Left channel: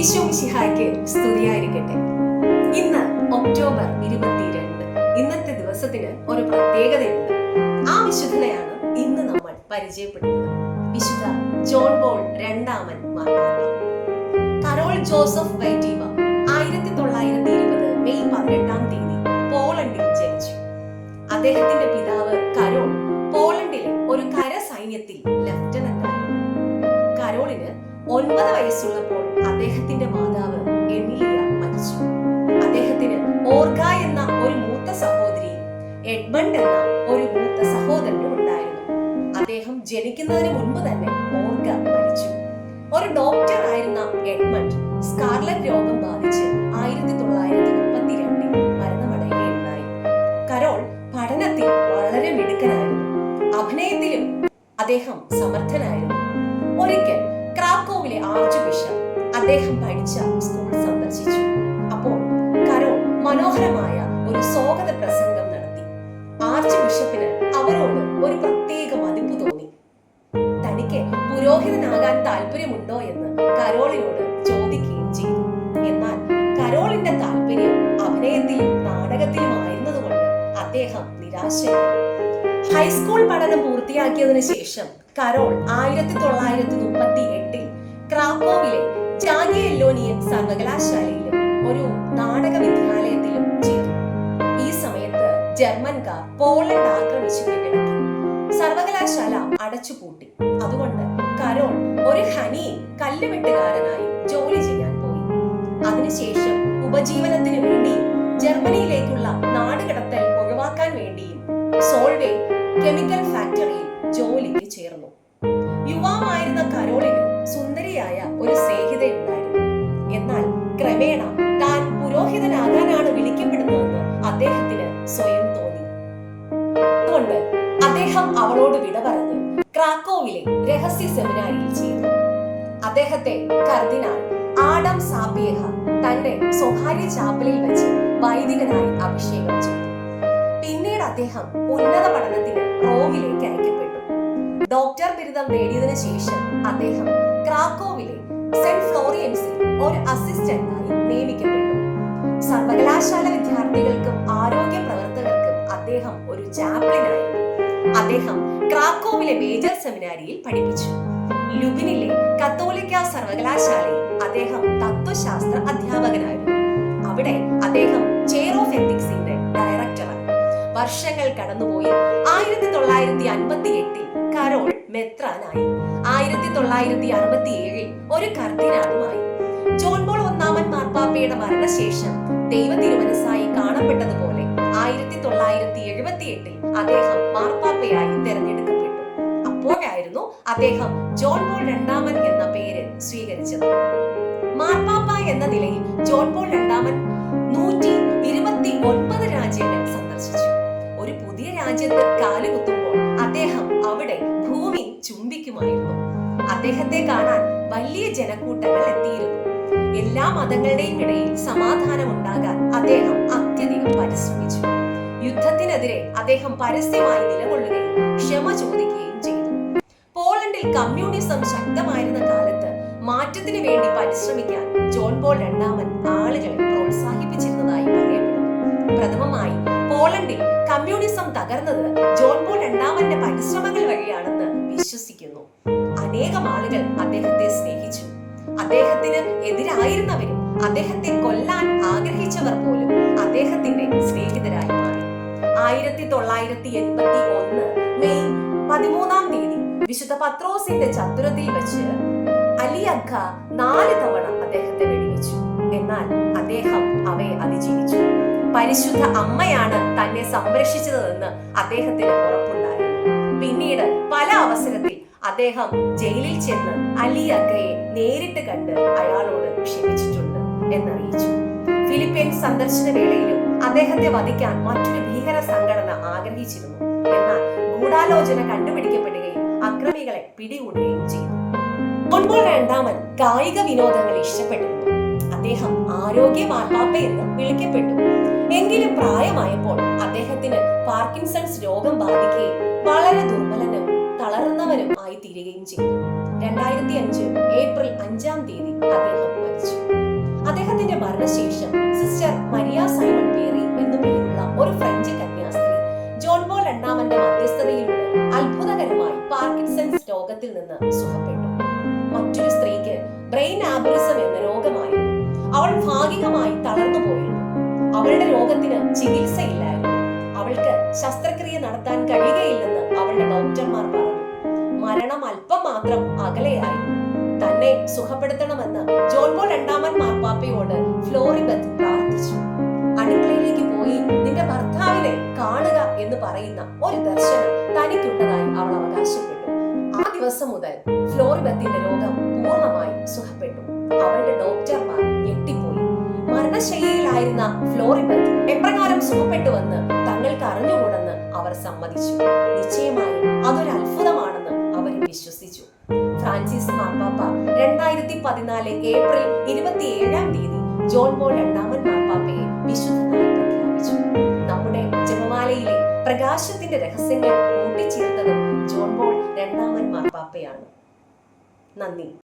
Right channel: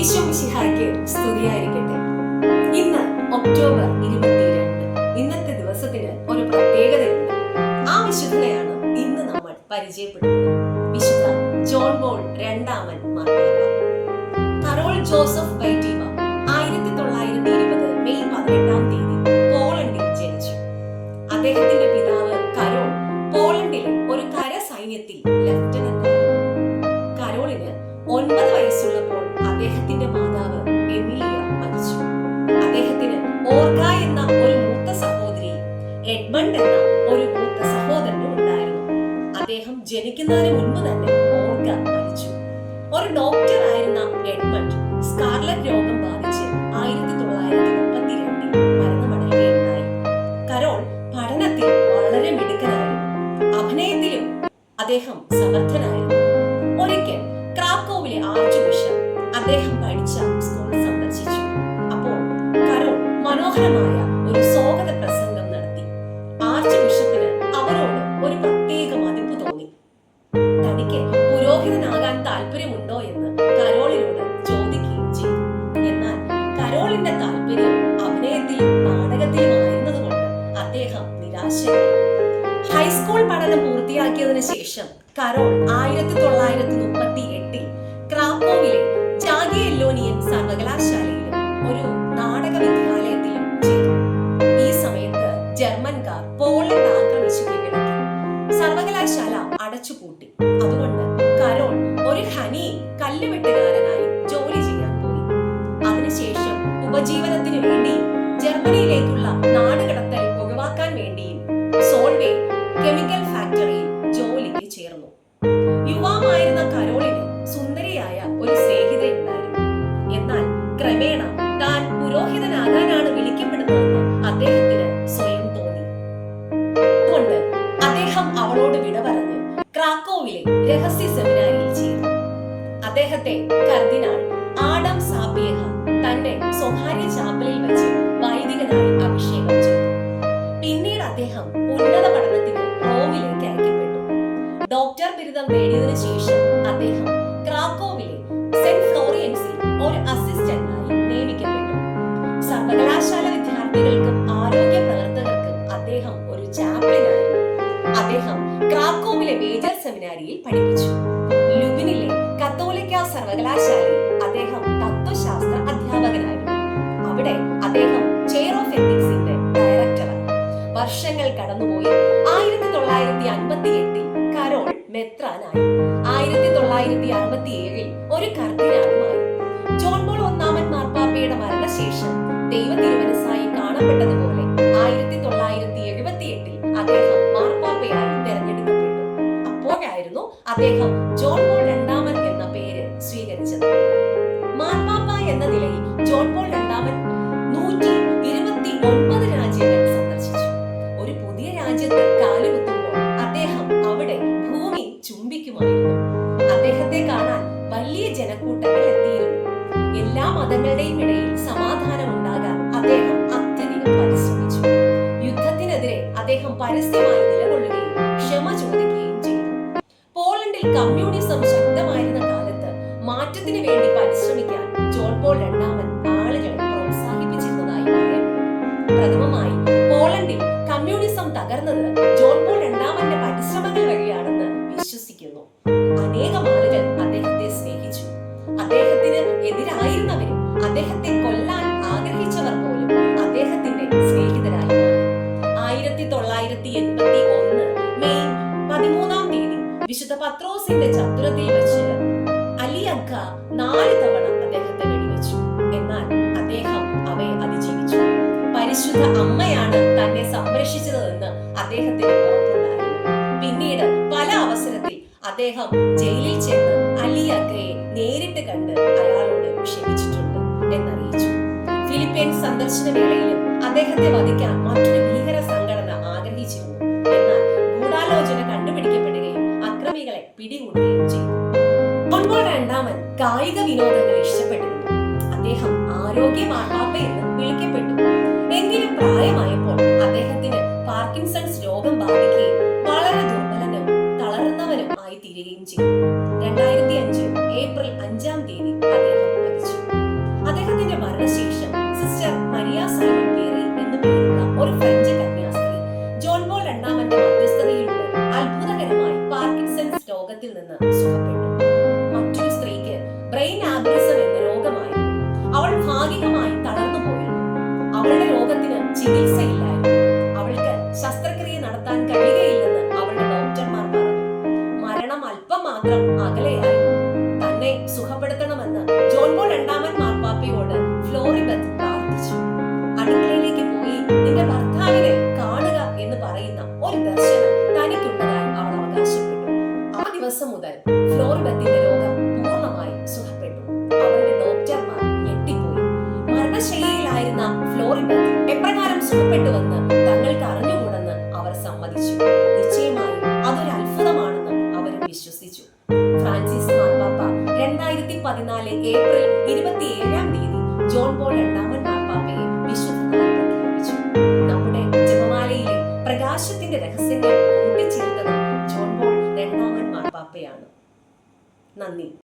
ഈശോ മിശിഹായ്ക്ക് സ്തുതിയായിരിക്കട്ടെ. ഇന്ന് ഒക്ടോബർ 22. ഇന്നത്തെ ദിവസത്തിന് ഒരു പ്രത്യേകതയുണ്ട്. ആ വിശുദ്ധനെയാണ് ഇന്ന് നമ്മൾ പരിചയപ്പെടുന്നത്. വിശുദ്ധ ജോൺ പോൾ രണ്ടാമൻ മാർപ്പാപ്പ. കരോൾ ജോസഫ് വൈറ്റീവ 1920 മെയ് 18 പോളണ്ടിൽ ജനിച്ചു. അദ്ദേഹത്തിന്റെ പിതാവ് കരോൾ പോളണ്ടിലെ ഒരു കര സൈന്യത്തിൽ ലഫ്റ്റനന്റ് ആയിരുന്നു. കരോളിന് 9 വയസ്സുള്ളപ്പോൾ അദ്ദേഹത്തിന്റെ മാതാവ് എമിലിയ മരിച്ചു. അദ്ദേഹത്തിന് ഓർഗ എന്ന ഒരു മൂത്ത സഹോദരിയും എഡ്മണ്ട് എന്ന ഒരു മൂത്ത സഹോദരനും ഉണ്ടായിരുന്നു. അദ്ദേഹം ജനിക്കുന്നതിന് മുൻപ് തന്നെ ഓർഗ മരിച്ചു. ഒരു ഡോക്ടർ ആയിരുന്ന എഡ്മണ്ട് സ്കാർലറ്റ് രോഗം ബാധിച്ച് 1932 മരണമടയുകയുണ്ടായി. കരോൾ പഠനത്തിൽ വളരെ മിടുക്കനായിരുന്നു. അഭിനയത്തിലും അദ്ദേഹം സമർത്ഥനായിരുന്നു. ഒരിക്കൽ ക്രാക്കോവിലെ ആർച്ച് ബിഷപ്പ് അദ്ദേഹം പഠിച്ച സ്കൂൾ സന്ദർശിച്ചു. അപ്പോൾ കരോൾ മനോഹരമായ ഒരു സ്വാഗത പ്രസംഗം നടത്തി. ആർച്ച് ബിഷപ്പിന് അവരോട് ഒരു പ്രത്യേക മതിപ്പ് തോന്നി. തനിക്ക് പുരോഹിതനാകാൻ താല്പര്യമുണ്ടോ എന്ന് കരോളിനോട് ചോദിക്കുകയും ചെയ്തു. എന്നാൽ കരോളിന്റെ താല്പര്യം അഭിനയത്തിലും നാടകത്തിലും ആയിരുന്നതുകൊണ്ട് അദ്ദേഹം നിരാശനായി. ഹൈസ്കൂൾ പഠനം പൂർത്തിയാക്കിയതിനു ശേഷം കരോൾ 1938 ക്രാക്കോവിലെ ജാഗിയെല്ലോനിയൻ സർവകലാശാലയിലും ഒരു നാടക വിദ്യാലയത്തിലും ചേർന്നു. ഈ സമയത്ത് ജർമ്മൻകാർ പോളണ്ട് ആക്രമിച്ചു കീഴടക്കി. സർവകലാശാല അടച്ചുപൂട്ടി. അതുകൊണ്ട് കരോൾ ഒരു ഖനിയിൽ കല്ലുവെട്ടുകാരനായി ജോലി ചെയ്യാൻ പോയി. അതിനുശേഷം ഉപജീവനത്തിനു വേണ്ടിയും ജർമ്മനിയിലേക്കുള്ള നാടുകടത്തൽ ഒഴിവാക്കാൻ വേണ്ടിയും സോൾവേ കെമിക്കൽ ഫാക്ടറിയിൽ ജോലിക്ക് ചേർന്നു. യുവാവായിരുന്ന കരോളിന് സുന്ദരിയായ ഒരു സ്നേഹിതയുണ്ടായിരുന്നു. എന്നാൽ ക്രമേണ താൻ പുരോഹിതനാകാനാണ് വിളിക്കപ്പെടുന്നതെന്ന് അദ്ദേഹത്തിന് സ്വയം തോന്നി. അതുകൊണ്ട് അദ്ദേഹം അവളോട് വിട പറഞ്ഞ് ക്രാക്കോവിലെ രഹസ്യ സെമിനാരിയിൽ ചേർന്നു. അദ്ദേഹത്തെ കർദിനാൾ ആഡം സാപ്പിയേഹ തന്റെ സ്വകാര്യ ചാപ്പലിൽ വെച്ച് വൈദികനായി അഭിഷേകം ചെയ്തു. പിന്നീട് അദ്ദേഹം ഉന്നത പഠനത്തിന് റോമിലേക്ക് അയക്കപ്പെട്ടു. ഡോക്ടർ ബിരുദം നേടിയതിനു ശേഷം അദ്ദേഹം ക്രാക്കോവിലെ സെന്റ് ഫ്ലോറിയൻസിൽ ഒരു അസിസ്റ്റന്റായി നിയമിക്കപ്പെട്ടു. സർവകലാശാല വിദ്യാർത്ഥികൾക്കും ആരോഗ്യ പ്രവർത്തകർക്കും അദ്ദേഹം ഒരു ചാപ്ലിനായിരുന്നു. അദ്ദേഹം ക്രാക്കോവിലെ മേജർ സെമിനാരിയിൽ പഠിപ്പിച്ചു. ലുബിനിലെ കത്തോലിക്ക സർവകലാശാലയിൽ അദ്ദേഹം തത്വശാസ്ത്ര അധ്യാപകനായിരുന്നു. അവിടെ അദ്ദേഹം ചെയർ ഓഫ് എത്തിക്സിന്റെ ഡയറക്ടറായി. വർഷങ്ങൾ കടന്നുപോയി. 1958 കരോൾ മെത്രാനായി. 1967 ഒരു കർദിനാളുമായി. ജോൺ പോൾ ഒന്നാമൻ മാർപ്പാപ്പയുടെ മരണശേഷം ദൈവ തിരുമനസ്സായി കാണപ്പെട്ടതുപോലെ 1978 അദ്ദേഹം മാർപ്പാപ്പയായി തെരഞ്ഞെടുക്കപ്പെട്ടു. അപ്പോഴായിരുന്നു അദ്ദേഹം ജോൺ പോൾ രണ്ടാമൻ എന്ന പേര് സ്വീകരിച്ചത്. മാർപ്പാപ്പ എന്ന നിലയിൽ ജോൺ പോൾ രണ്ടാമൻ 129 രാജ്യങ്ങൾ സന്ദർശിച്ചു. ഒരു പുതിയ രാജ്യത്ത് കാലുകുത്തുമ്പോൾ അദ്ദേഹം അവിടെ ഭൂമി ചുംബിക്കുമായിരുന്നു. അദ്ദേഹത്തെ കാണാൻ വലിയ ജനക്കൂട്ടങ്ങൾ എത്തിയിരുന്നു. എല്ലാ മതങ്ങളുടെയും ഇടയിൽ സമാധാനം ഉണ്ടാകാൻ അദ്ദേഹം അത്യധികം പരിശ്രമിച്ചു. യുദ്ധത്തിനെതിരെ അദ്ദേഹം പരസ്യമായി നിലകൊള്ളുകയും ക്ഷമ ചോദിക്കുകയും ചെയ്തു. പോളണ്ടിൽ കമ്മ്യൂണിസം ശക്തമായിരുന്ന കാലത്ത് മാറ്റത്തിന് വേണ്ടി പരിശ്രമിക്കാൻ ജോൺ പോൾ രണ്ടാമൻ ആളുകളെ പ്രോത്സാഹിപ്പിച്ചിരുന്നതായി പറയപ്പെടുന്നു. പ്രഥമമായി പോളണ്ടിൽ കമ്മ്യൂണിസം തകർന്നത് ജോൺ പോൾ രണ്ടാമന്റെ പരിശ്രമങ്ങൾ വഴിയാണെന്ന് വിശ്വസിക്കുന്നു. അനേകം ആളുകൾ അദ്ദേഹത്തെ സ്നേഹിച്ചു. അദ്ദേഹത്തിന് എതിരായിരുന്നവരും അദ്ദേഹത്തെ കൊല്ലാൻ ആഗ്രഹിച്ചവർ പോലും അദ്ദേഹത്തിന്റെ സ്നേഹിതരായി മാറി. 1981 മെയ് 13 വിശുദ്ധ പത്രോസിന്റെ ചത്തുരത്തിൽ വെച്ച് അലി അഗ്ഗ 4 തവണ അദ്ദേഹത്തെ വെടിവെച്ചു. എന്നാൽ അദ്ദേഹം അവയെ അതിജീവിച്ചു. പരിശുദ്ധ അമ്മയാണ് തന്നെ സംരക്ഷിച്ചതെന്ന് അദ്ദേഹത്തിന് ഉറപ്പുണ്ടായിരുന്നു. പിന്നീട് പല അവസരത്തിൽ അദ്ദേഹം ജയിലിൽ ചെന്ന് അലി അഗ്ഗയെ നേരിട്ട് കണ്ട് അയാളോട് ക്ഷമിച്ചിട്ടുണ്ട് എന്നറിയിച്ചു. ഫിലിപ്പീൻസ് സന്ദർശന വേളയിലും അദ്ദേഹത്തെ വധിക്കാൻ മറ്റൊരു ഭീകര സംഘടന ആഗ്രഹിച്ചിരുന്നു. എന്നാൽ ഗൂഢാലോചന കണ്ടുപിടിക്കപ്പെടുകയും അക്രമികളെ പിടികൂടുകയും ചെയ്തു. ജോൺ പോൾ രണ്ടാമൻ കായിക വിനോദങ്ങൾ ഇഷ്ടപ്പെട്ടിരുന്നു. അദ്ദേഹം ആരോഗ്യ മാർപ്പാപ്പ എന്ന് വിളിക്കപ്പെട്ടു. എങ്കിലും പ്രായമായപ്പോൾ അദ്ദേഹത്തിന് പാർക്കിൻസൺസ് രോഗം ബാധിക്കുകയും വളരെ ദുർബലനും തളർന്നവനും ആയി തീരുകയും ചെയ്തു. 2005 ഏപ്രിൽ 5 അദ്ദേഹം മരിച്ചു. അദ്ദേഹത്തിന്റെ മരണശേഷം സിസ്റ്റർ മരിയ സൈമൺ പേറി എന്നു പേരുള്ള ഒരു ഫ്രഞ്ച് കന്യാസ്ത്രീ ജോൺ പോൾ രണ്ടാമന്റെ മധ്യസ്ഥതയിലൂടെ അത്ഭുതകരമായി പാർക്കിൻസൺസ് രോഗത്തിൽ നിന്ന് സുഖപ്പെട്ടു. മറ്റൊരു സ്ത്രീക്ക് ബ്രെയിൻ ആബറിസം എന്ന രോഗമായിരുന്നു. അവൾ ഭാഗികമായി തളർന്നു പോയിരുന്നു. അവളുടെ രോഗത്തിന് ചികിത്സയില്ലായിരുന്നു. അവൾക്ക് ശസ്ത്രക്രിയ നടത്താൻ കഴിയുകയില്ലെന്ന് അവളുടെ ഡോക്ടർമാർ പറഞ്ഞു. മരണം അല്പം മാത്രം അകലെയായിരുന്നു. തന്നെ സുഖപ്പെടുത്തണമെന്ന് ജോൺ പോൾ രണ്ടാമൻ മാർപ്പാപ്പയോട് ഫ്ലോറിബത്ത് പ്രാർത്ഥിച്ചു. അടുക്കളയിലേക്ക് പോയി നിന്റെ ഭർത്താവിനെ കാണുക എന്ന് പറയുന്ന ഒരു ദർശനം തനിക്കുള്ളതായി അവൾ അവകാശപ്പെട്ടു. ആ ദിവസം മുതൽ ഫ്ലോറിബത്തിന്റെ രോഗം പൂർണ്ണമായി സുഖപ്പെട്ടു. അവളുടെ ഡോക്ടർമാർ ഞെട്ടിപ്പോയി. മരണശയ്യയിലായിരുന്ന ഫ്ലോറിബത്ത് എപ്രകാരം സുഖപ്പെട്ടുവെന്ന് തങ്ങൾക്ക് അറിഞ്ഞുകൂടെന്ന് അവർ സമ്മതിച്ചു. നിശ്ചയമായും അതൊരു അത്ഭുതമാണെന്ന് അവരും വിശ്വസിച്ചു. ഫ്രാൻസിസ് മാർപ്പാപ്പ 2014 ഏപ്രിൽ 27 ജോൺ പോൾ രണ്ടാമൻ മാർപ്പാപ്പയെ വിശുദ്ധനായി പ്രഖ്യാപിച്ചു. നമ്മുടെ ജപമാലയിലെ പ്രകാശത്തിന്റെ രഹസ്യങ്ങൾ കൂട്ടിച്ചേർത്തതും ജോൺ പോൾ രണ്ടാമൻ മാർപ്പാപ്പയാണ്. നന്ദി.